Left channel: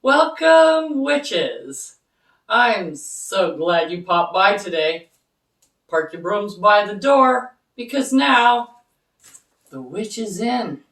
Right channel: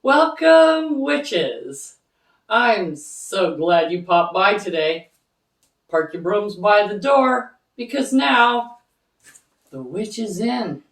Welcome, witches! I'm so glad you popped by today. Park your brooms by the door because now the witch is in.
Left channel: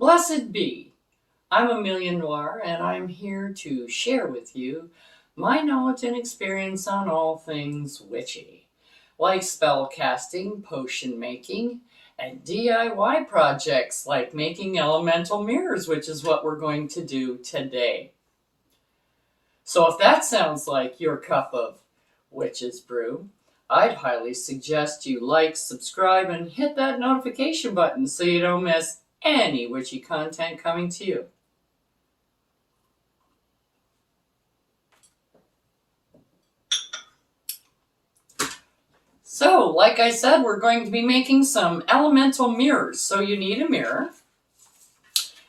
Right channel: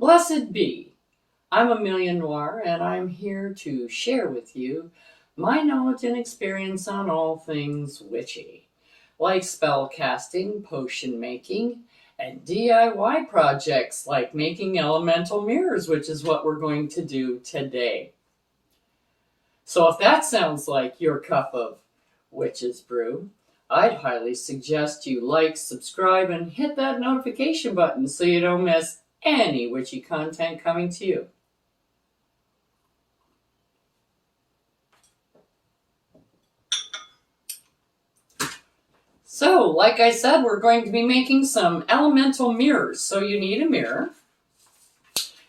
Blessed be. I'm Amelia Noir, and I'm here to share with you my knowledge and experience on all things witchy, like spell casting, potion making, and DIY projects like making elemental mirrors, which is what we're going to do today. So if that sounds like your cup of witch's brew, I'd highly suggest you like, subscribe, and hit that notification button so you don't miss any witchy content coming to you. So, like I said, we're going to be making some elemental mirrors. So you need a mirror,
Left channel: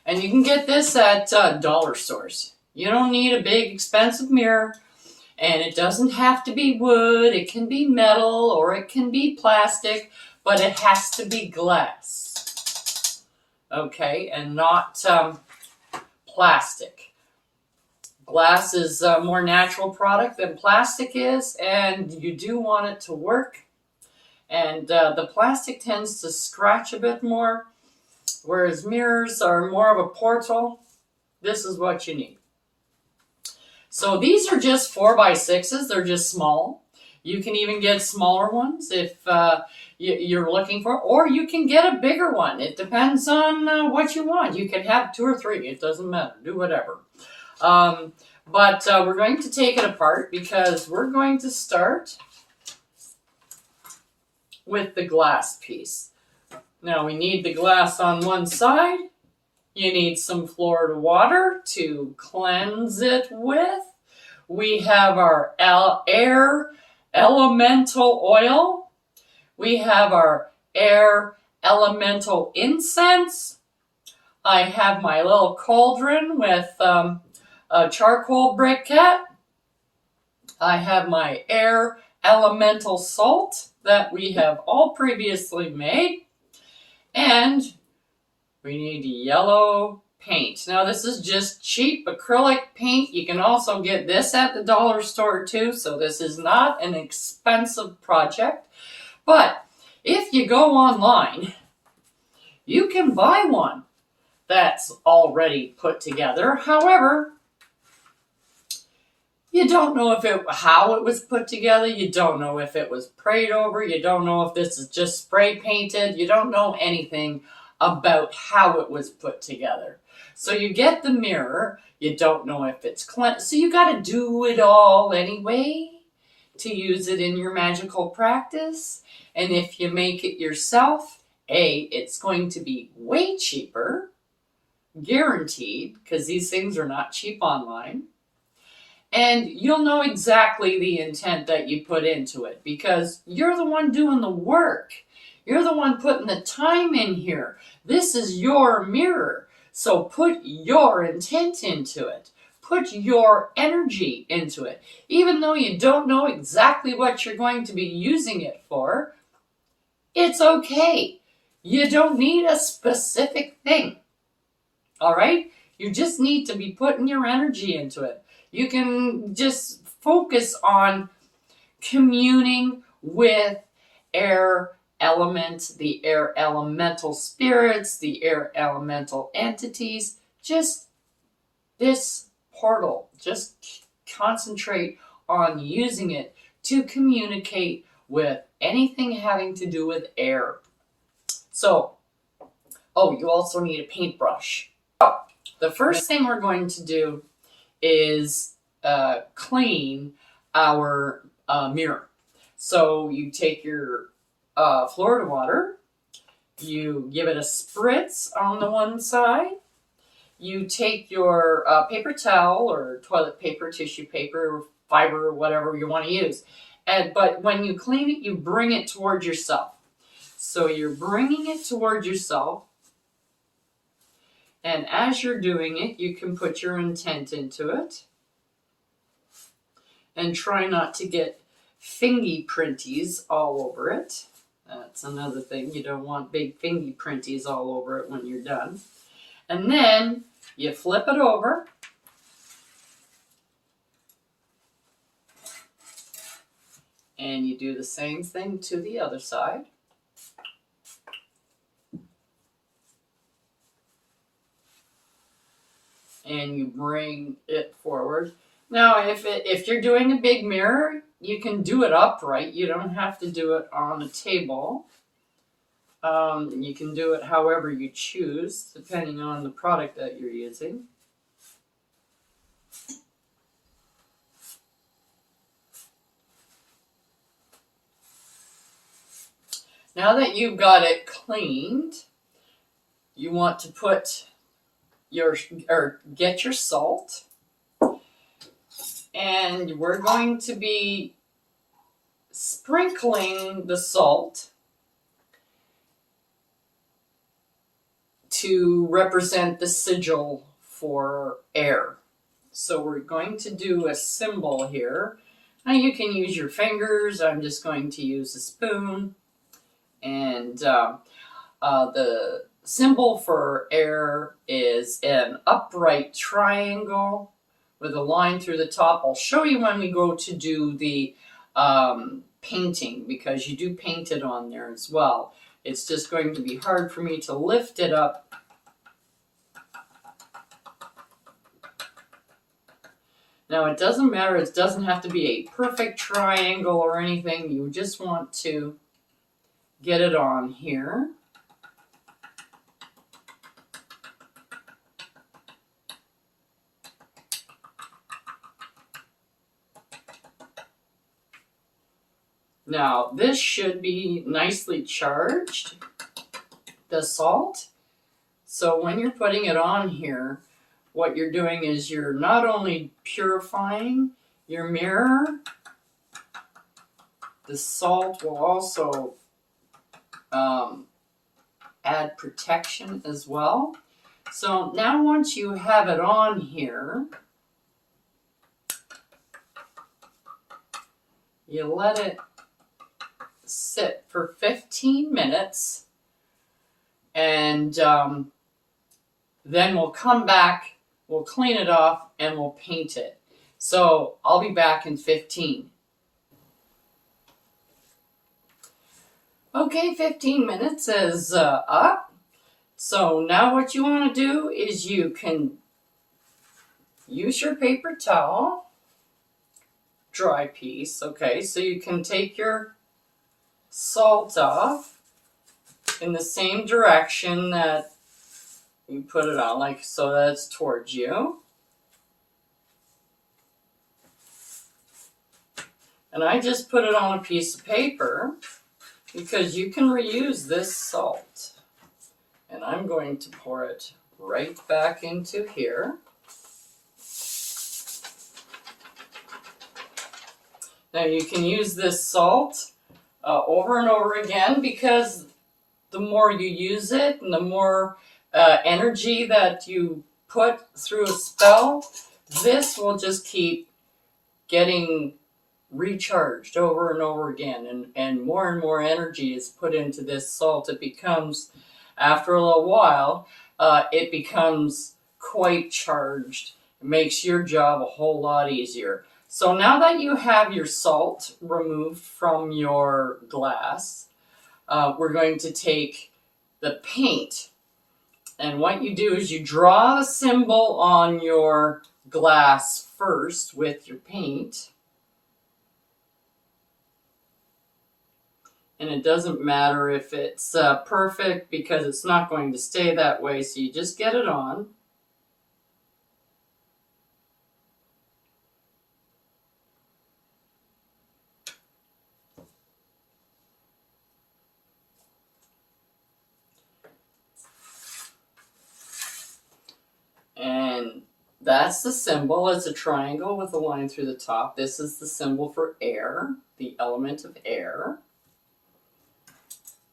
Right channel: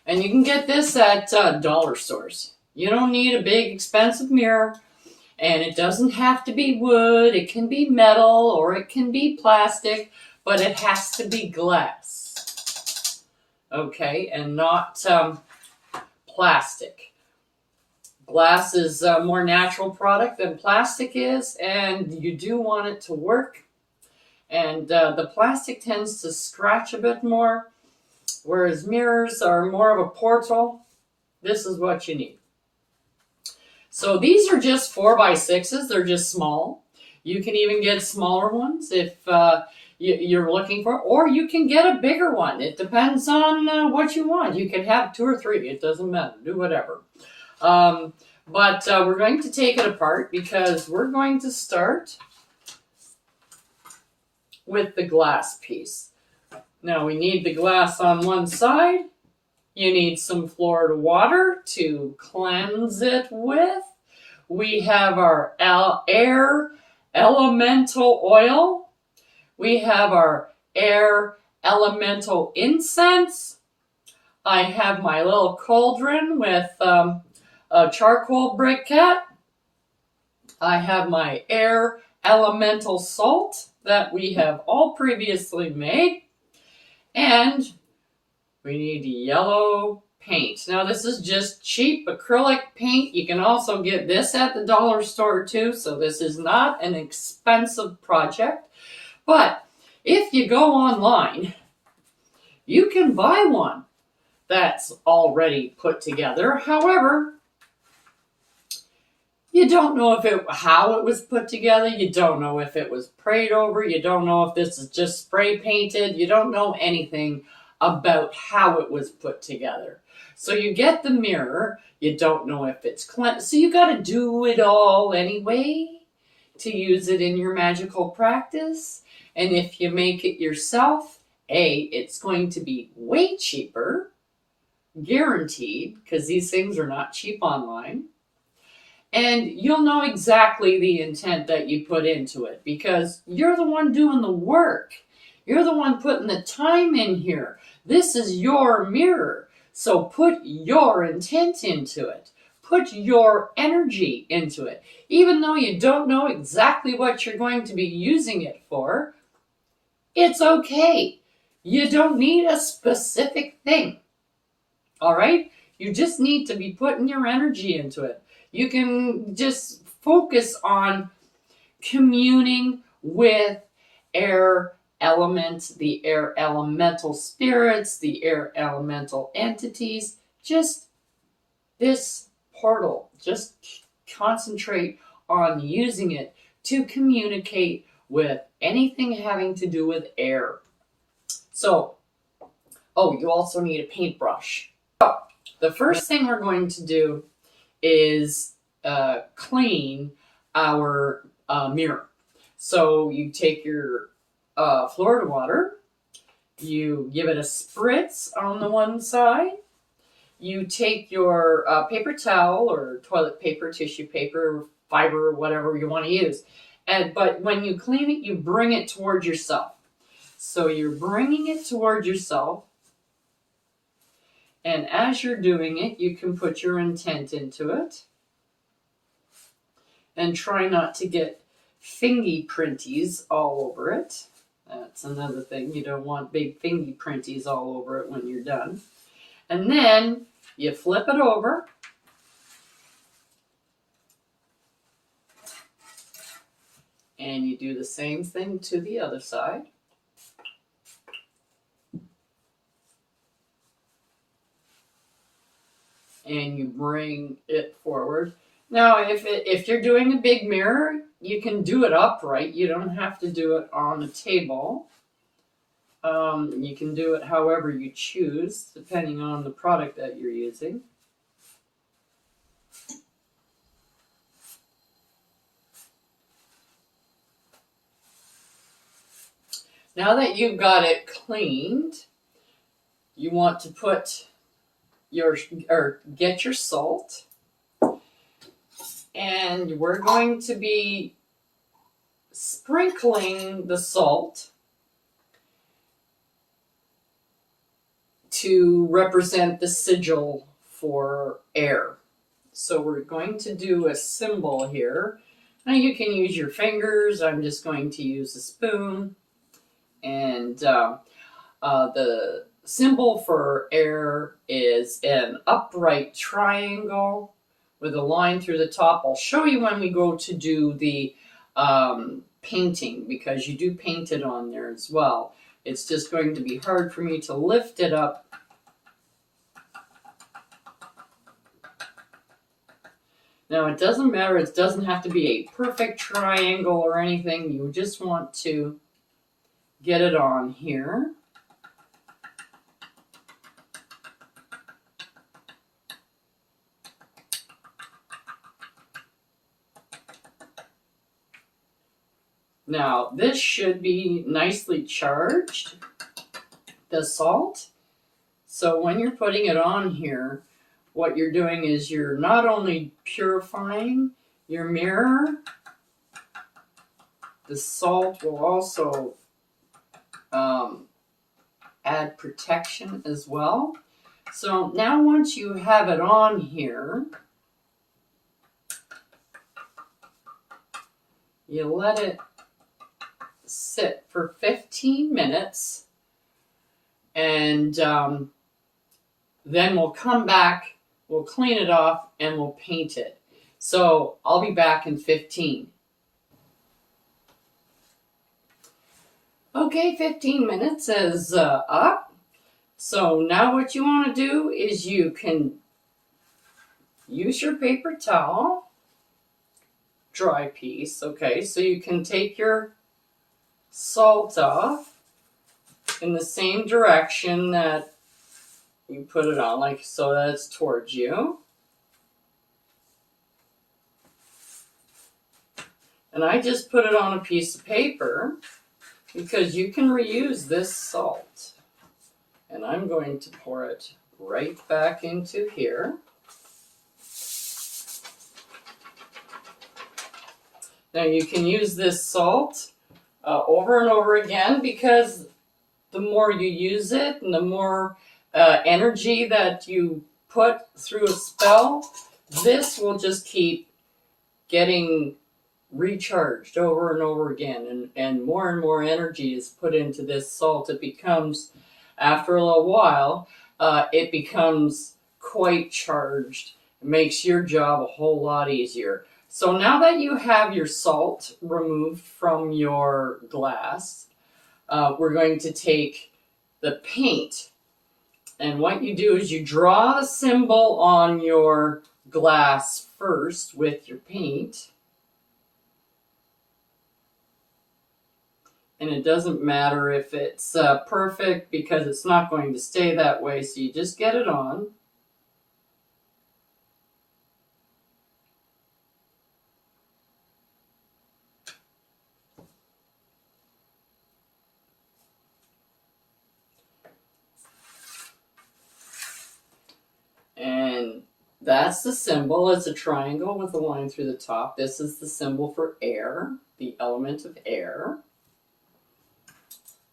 and you can get this at dollar stores. You don't need a big expensive mirror, and it doesn't have to be wood. It can be metal or it can be plastic, but it has to be glass. Okay, and not plastic. Glass is a more natural product than plastic is, and you do want it to work. And the plastic tends to scratch a bit more, whereas mirrors are more of a portal. This is what you need. So these are just 4x6s. They're just small. You can even get smaller ones if you're looking for, or you can get a bigger one. It depends on what you want. You can have 2 or 3. It doesn't matter. Do whatever. But we're going to take it apart because we're going to start with the glass piece. Now we need the glass on one side. You need some Florida water to cleanse it with. We have our air elemental oil. We have our air elemental incense. I have my little cauldron with a charcoal briquette. I have my air elemental salt that we have all previously made. And we need yellow paint. Now this is just cheap acrylic paint. You can also get this at the dollar store too, so this is not an expensive project. But if you go online, you can buy one that's already put together. However, you don't know how it was put together. You don't know if it was prayed over. You don't know if this is just spray painted. You don't know anything about how it was put together. So you get the mirror. You don't know if it's cleansed. So you got to do it all anyway to use it in your magical practice. And if you make it yourself, it's going to be way cheaper, guaranteed, because these things are not cheap online. And you'll know exactly the intent that you put into it because you're the one doing the work. You're the one putting the time in here. This is your mirror. So put your intent into it. Put your energy into it. Even though you don't know exactly what you're going to be using it for, it's okay. You don't need a specific thing. All right? You just need to be putting your energy into it. You can just focus on communing with air elements, the air elemental spirits, the air elemental entities. Just this portal. Just concentrate on using it to communicate with anything having to do with air. So, you also need a paintbrush. The first thing we're going to do is clean our mirror. So you take your Florida water, you give it a spritz on the one side, you take your paper towel or toilet paper, tissue paper, fiber, whatever you want to use. But when you clean it, you bring it towards yourself. So you're bringing it towards yourself. And as you're doing it, you can put your intent into it. And try not to get fingy printies all over it. That's another thing. You don't want big fingy printies all over it when you're done. And then you flip it over. And you do the same thing to the other side. And you bring it forward. Now, if you're doing a big mirror, you can do it upright. You don't have to do it on a table. You can do it however you choose, depending on the product that you're using. Now that you've got it cleaned, you want to put get your salt, and we're going to be sprinkling the salt to represent the sigil for air. So we're going to do a symbol here. Now you can use your fingers. I'm just going to use a spoon. And the symbol for air is an upright triangle with a line through the top. I'll show you when we go to do the painting, because you do paint it on there as well. It's just going to be hard for me to lift it up. Now it doesn't matter, it doesn't have to be a perfect triangle or anything. You just want to get it on here. Now, this should be nicely charged, the salt. So when you're putting it on here, what you're doing is you're not only purifying your mirror, the salt will also add protection as well. So now once you have it on here, you let it sit for 15 minutes, and then we'll come back, we'll clean it off, and we'll paint it. So I'll be back in 15. Okay, 15 minutes is up. So now what you want to do is you can use your paper towel, dry piece, okay, so you can take your salt off in the same direction that you put it on, like so that's towards you. And I just put it on a piece of paper because you can reuse this salt. And I'm going to pour it right back into here. Now you can use this salt over and over again, because the more you use it and the more energy that you put through a spell, this will just keep getting recharged over and over again, and more energy is put into this salt. It becomes, after a little while, it becomes quite charged. It makes your job a whole lot easier. So now that you have your salt removed from your glass, we're going to take the paint. And what you do is you draw the symbol on your glass first with your paint. And it doesn't matter if it's perfect, because it's not going to stay that way. So you just get it on. That's the symbol. It's a triangle with a line through the top. This is the symbol for air, the element of air.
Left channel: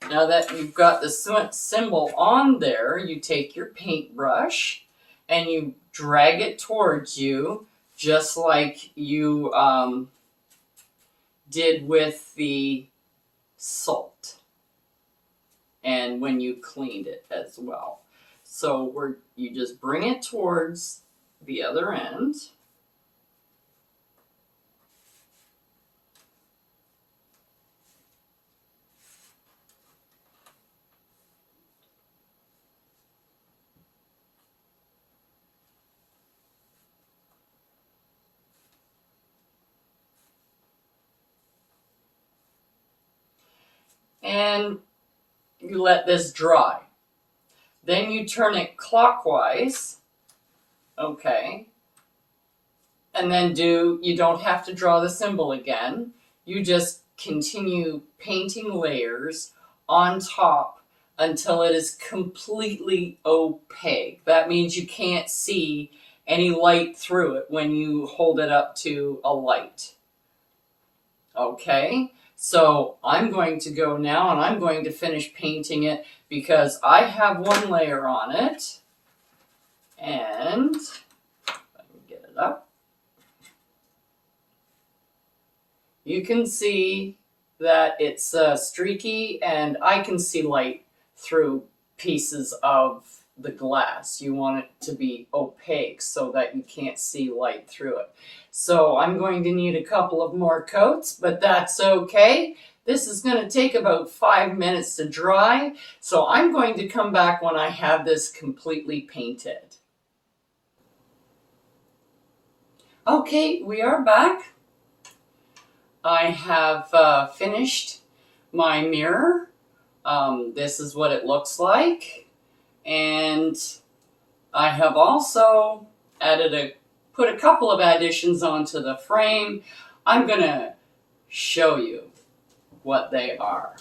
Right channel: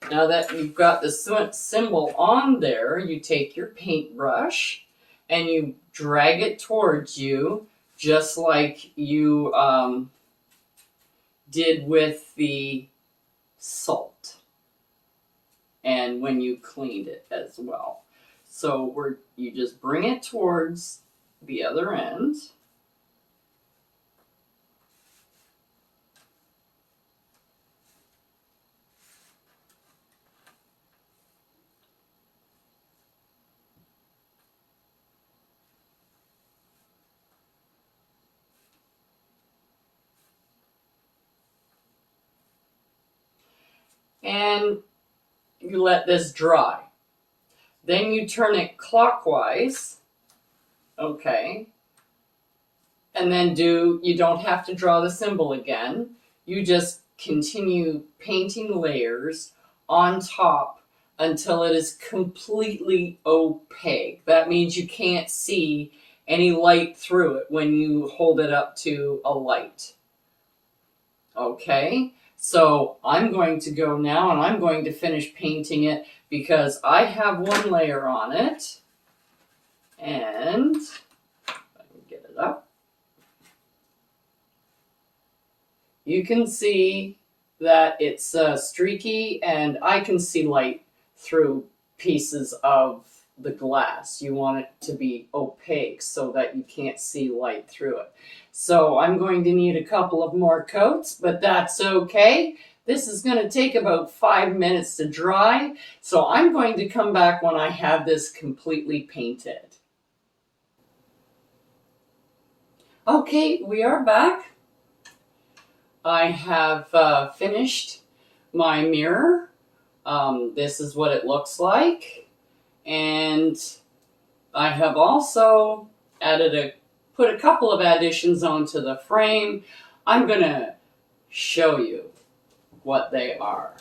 Now that you've got the symbol on there, you take your paintbrush and you drag it towards you, just like you did with the salt and when you cleaned it as well. So you just bring it towards the other end. And you let this dry. Then you turn it clockwise, okay? And then you don't have to draw the symbol again. You just continue painting layers on top until it is completely opaque. That means you can't see any light through it when you hold it up to a light. Okay? So I'm going to go now and I'm going to finish painting it because I have one layer on it. And let me get it up. You can see that it's streaky and I can see light through pieces of the glass. You want it to be opaque so that you can't see light through it. So I'm going to need a couple of more coats, but that's okay. This is going to take about 5 minutes to dry, so I'm going to come back when I have this completely painted. Okay, we are back. I have finished my mirror. This is what it looks like. And I have also put a couple of additions onto the frame. I'm going to show you what they are.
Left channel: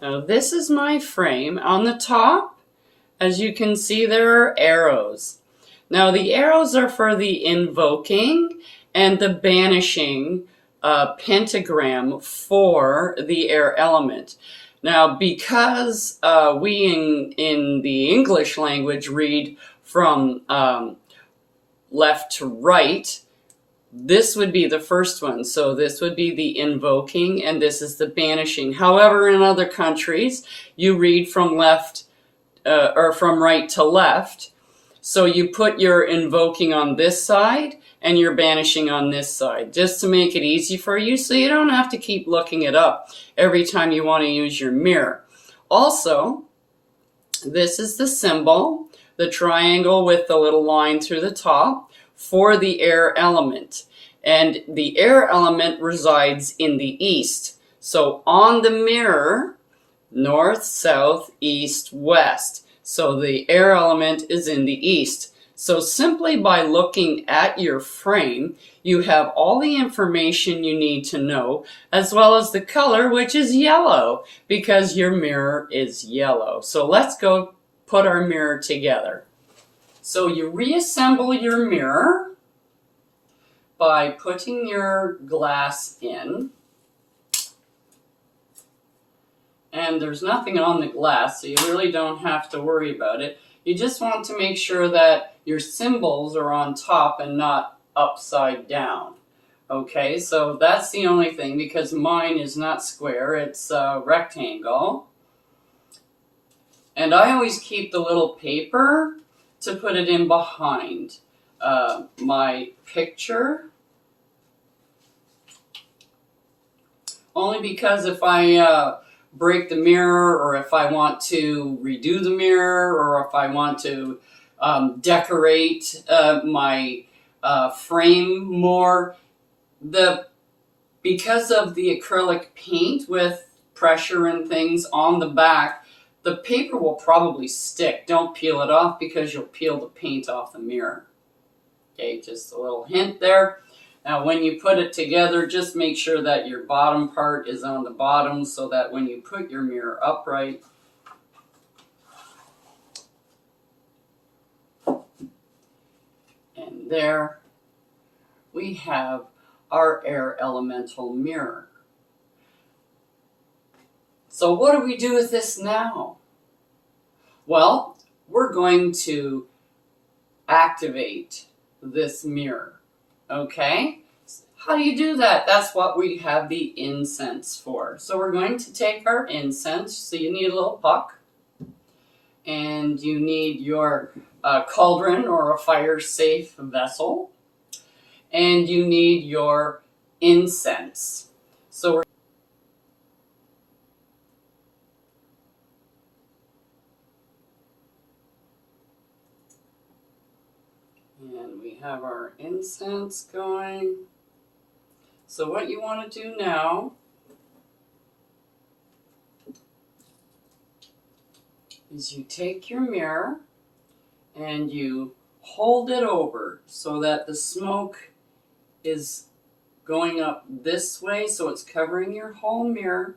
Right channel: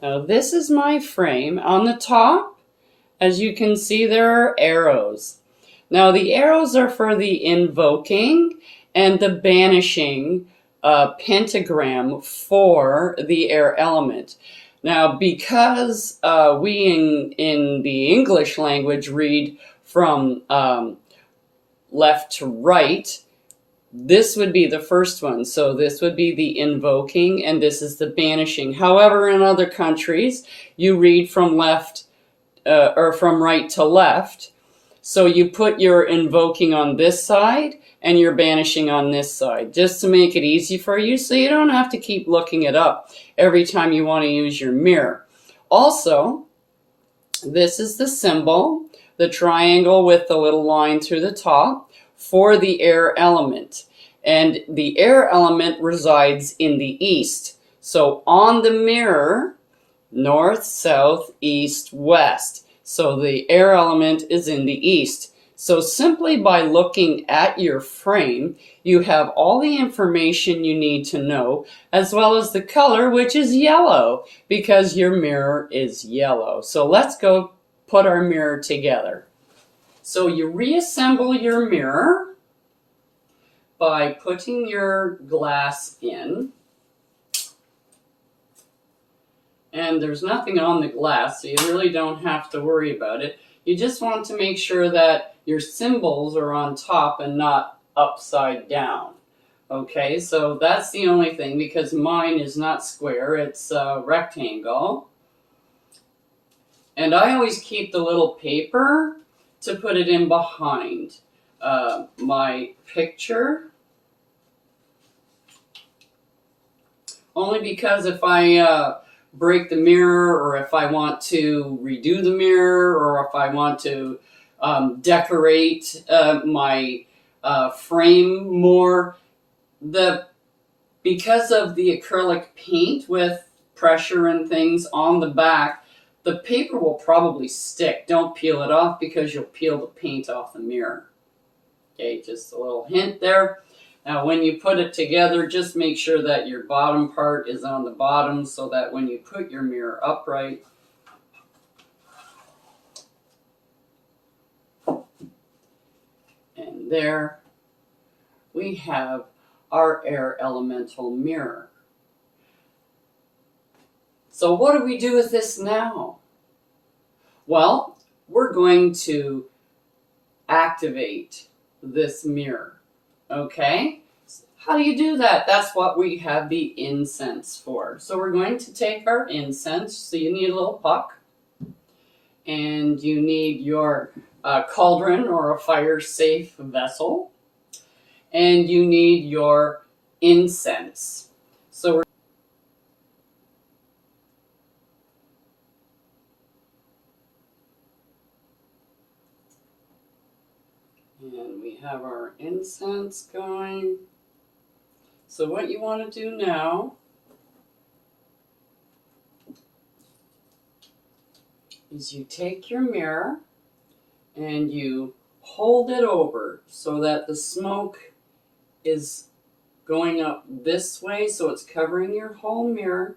Now this is my frame. On the top, as you can see, there are arrows. Now the arrows are for the invoking and the banishing pentagram for the air element. Now, because we in the English language read from left to right, this would be the first one. So this would be the invoking and this is the banishing. However, in other countries, you read from left or from right to left. So you put your invoking on this side and your banishing on this side, just to make it easy for you so you don't have to keep looking it up every time you want to use your mirror. Also, this is the symbol, the triangle with the little line through the top for the air element. And the air element resides in the east. So on the mirror, north, south, east, west. So the air element is in the east. So simply by looking at your frame, you have all the information you need to know, as well as the color, which is yellow, because your mirror is yellow. So let's go put our mirror together. So you reassemble your mirror by putting your glass in. And there's nothing on the glass, so you really don't have to worry about it. You just want to make sure that your symbols are on top and not upside down. Okay, so that's the only thing, because mine is not square, it's a rectangle. And I always keep the little paper to put it in behind my picture. Only because if I break the mirror, or if I want to redo the mirror, or if I want to decorate my frame more, because of the acrylic paint with pressure and things on the back, the paper will probably stick. Don't peel it off because you'll peel the paint off the mirror. Okay, just a little hint there. Now when you put it together, just make sure that your bottom part is on the bottom so that when you put your mirror upright, and And there we have our air elemental mirror. So what do we do with this now? Well, we're going to activate this mirror, okay? How do you do that? That's what we have the incense for. So we're going to take our incense. So you need a little puck, and you need your cauldron or a fire-safe vessel, and you need your incense. So and we have our incense going. So what you want to do now is you take your mirror and you hold it over so that the smoke is going up this way, so it's covering your whole mirror.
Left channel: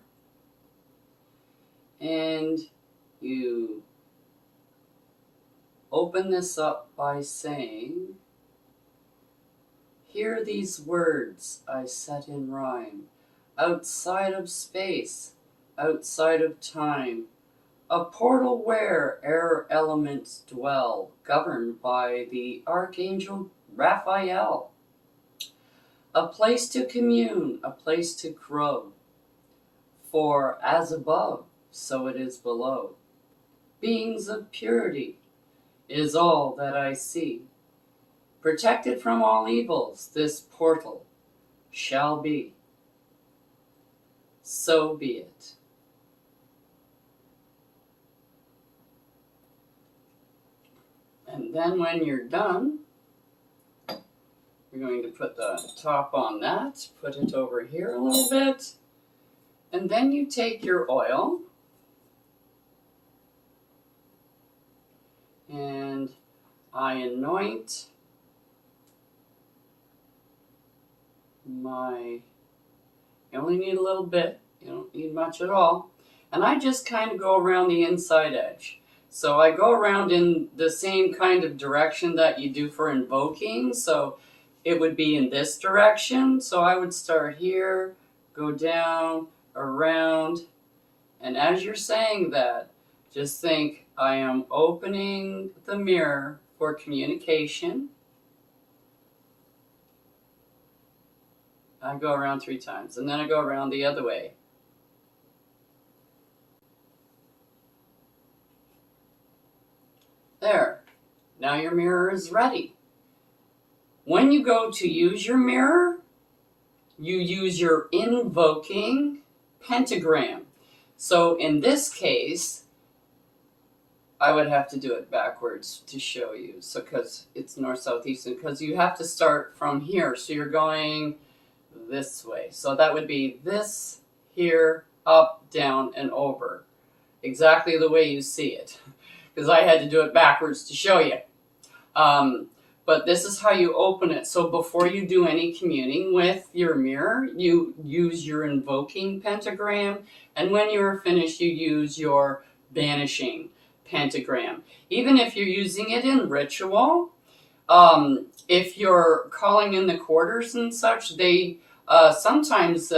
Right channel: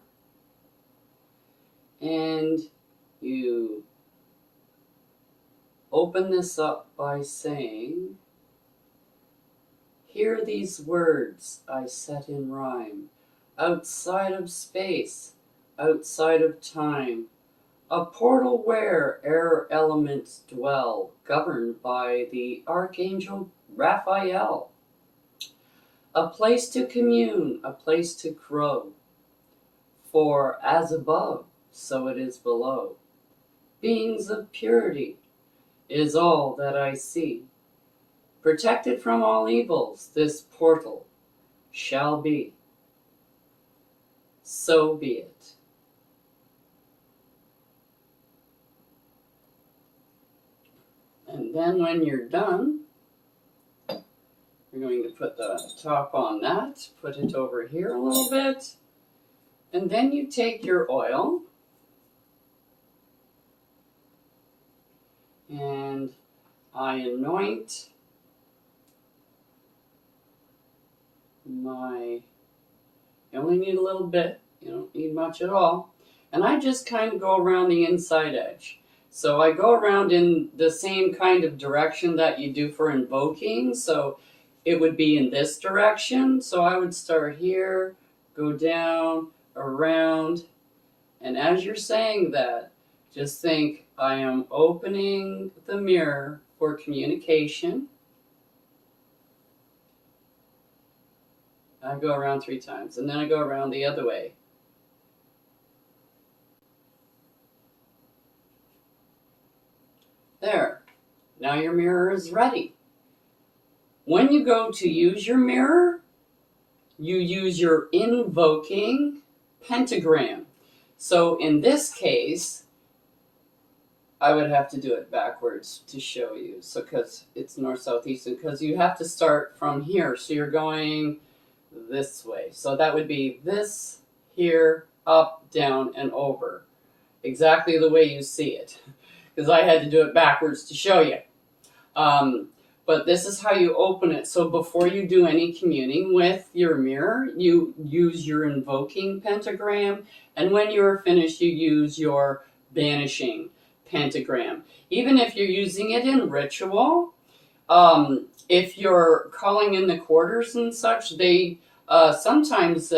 And you open this up by saying, "Hear these words I set in rhyme, outside of space, outside of time, a portal where air elements dwell, governed by the Archangel Raphael. A place to commune, a place to grow, for as above, so it is below. Beings of purity is all that I see. Protected from all evils, this portal shall be. So be it." And then when you're done, you're going to put the top on that, put it over here a little bit, and then you take your oil and I anoint you only need a little bit, you don't need much at all, and I just kind of go around the inside edge. So I go around in the same kind of direction that you do for invoking, so it would be in this direction. So I would start here, go down, around, and as you're saying that, just think, I am opening the mirror for communication. I go around 3 times, and then I go around the other way. There. Now your mirror is ready. When you go to use your mirror, you use your invoking pentagram. So in this case, I would have to do it backwards to show you. So because it's north, south, east, and because you have to start from here. So you're going this way. So that would be this, here, up, down, and over. Exactly the way you see it. Because I had to do it backwards to show you. But this is how you open it. So before you do any communing with your mirror, you use your invoking pentagram. And when you're finished, you use your banishing pentagram. Even if you're using it in ritual, if you're calling in the quarters and such, they sometimes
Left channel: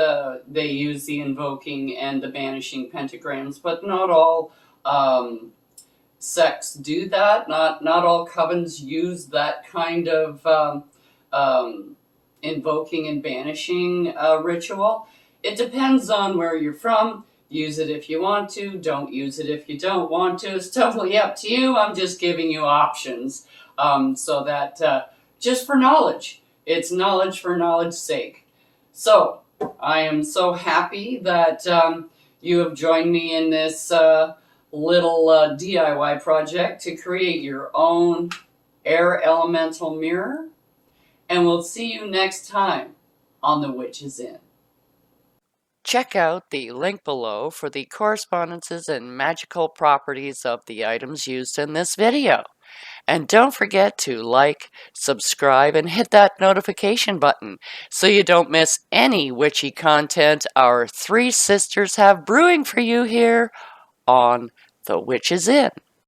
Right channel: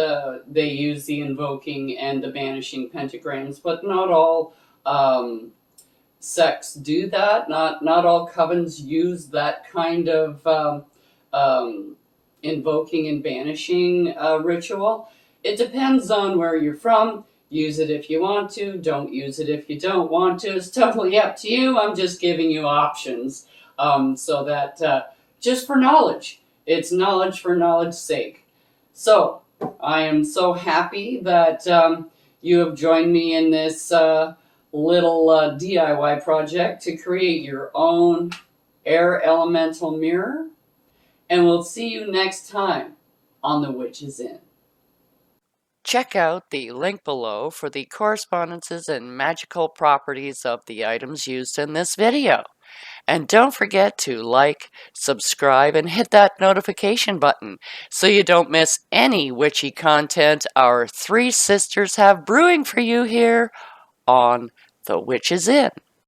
they use the invoking and the banishing pentagrams, but not all sects do that. Not all covens use that kind of invoking and banishing ritual. It depends on where you're from. Use it if you want to. Don't use it if you don't want to. It's totally up to you. I'm just giving you options so that just for knowledge. It's knowledge for knowledge's sake. So I am so happy that you have joined me in this little DIY project to create your own air elemental mirror. And we'll see you next time on The Witch's Inn. Check out the link below for the correspondences and magical properties of the items used in this video. And don't forget to like, subscribe, and hit that notification button so you don't miss any witchy content our 3 sisters have brewing for you here on The Witch's Inn.